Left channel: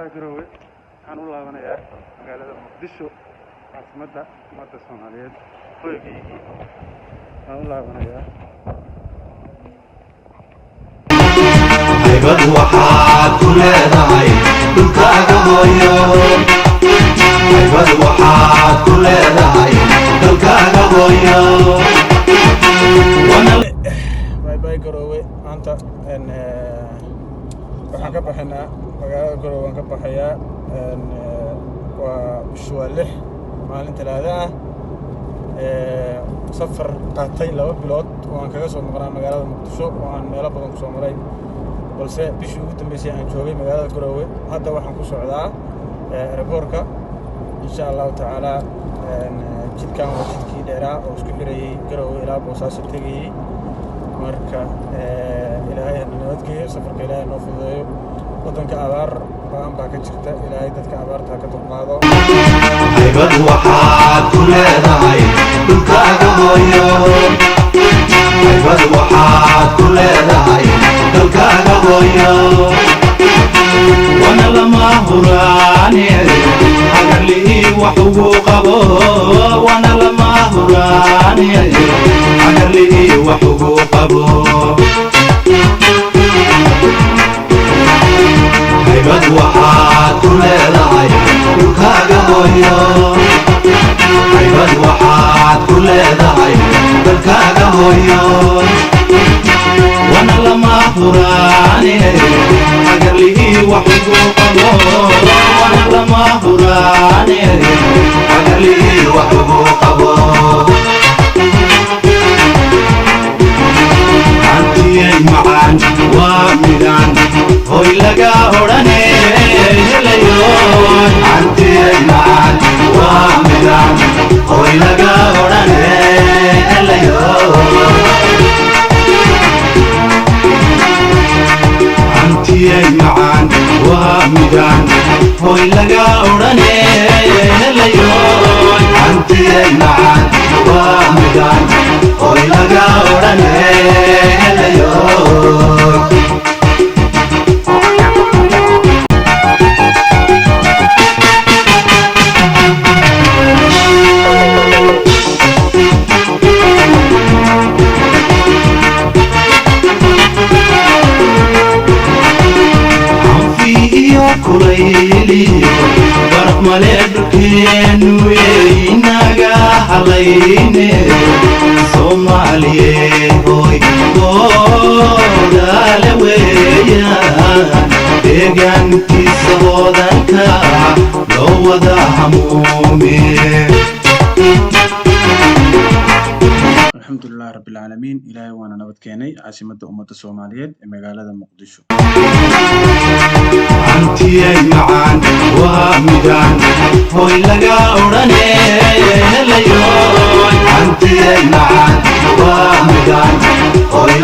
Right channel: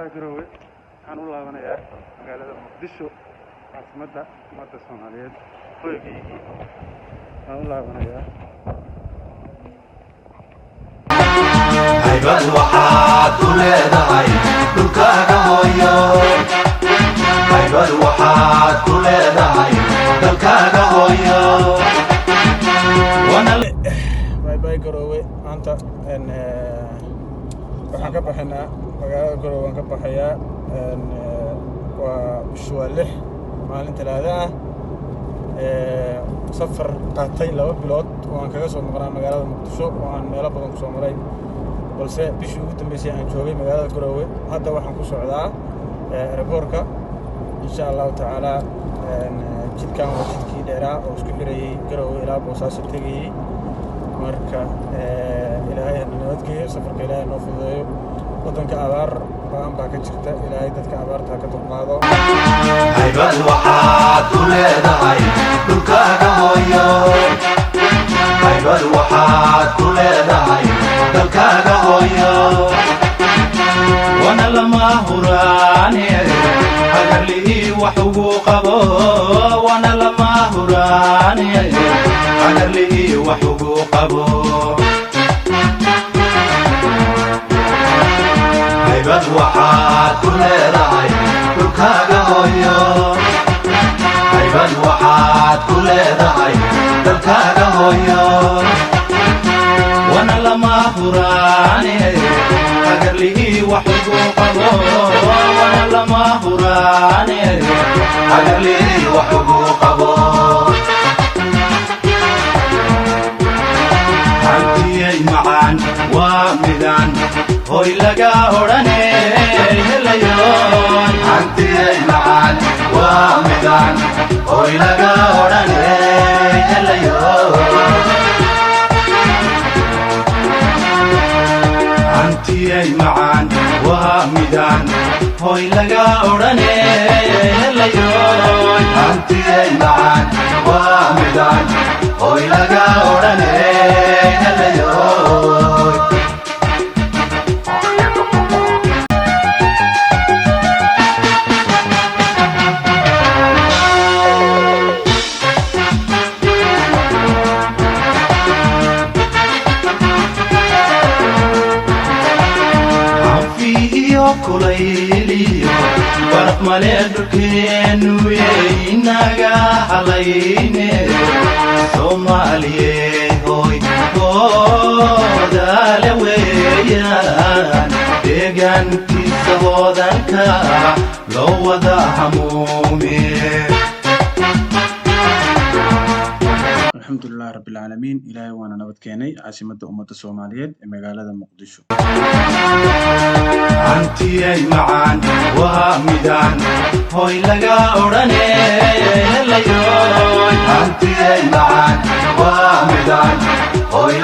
magaalada Garowe waxaan u laabanayaa magaalada Muqdisho caasimadda ummadda Soomaaliyeed hoygaygii waxaan u laabanayaa haybad waxaad ku leedahay dhulkaaga hooyo haybad waxaad ku leedahay dalkaaga hooyo bye Garowe maanta waxaan ka baxaynaa magaalada Garowe waan ka baxayaa waa bisha 6 maalin Talaado ah safar qaatay 2 bilood waan kaga soo maqnaa magaalada Muqdisho waan meelo badan ku soo maray balse bishii ugu dambeysay aan joogay magaalada Garowe hadda waxaan ku socdaa airportka insha Allah taala jidkan waa jidkii dheeraa oo isku xirayay Garowe ilaa Boosaaso tagay marka ilaahay nabadgeeyo safarka ilaahay noo fududeeyo wadanka abaar baan baa ka jirta ilaahay dadka abaarta ka dulqaado haybad waxaad ku leedahay dhulkaaga hooyo haybad waxaad ku leedahay dalkaaga hooyo wana lama huraani hagalii wax ugu qabo wana lama huraani hagalii wax ugu qabo haybad waxaad ku leedahay dhulkaaga hooyo haybad waxaad ku leedahay dalkaaga hooyo wana lama huraani hagalii wax ugu qabo wana lama huraani hagalii wax ugu qabo antiyay macaan waa midaan hoy laga odhane helayo antiyay macaan waa midaan hoy laga odhane helayo antiyay macaan waa midaan hoy laga odhane helayo antiyay macaan waa midaan hoy laga odhane helayo kulayliyo barmale dhulkeenu inaga halayne Soomaaliye hoy goodale weeyaan deegaankiisa wadanka loo wada hamuume alxamdulilah rabbil caalamiin ilaahay waana nabad keenay caasimadda ummadda Soomaaliyeed ee magaalada Muqdisho antiyay macaan waa midaan hoy laga odhane helayo antiyay macaan waa midaan hoy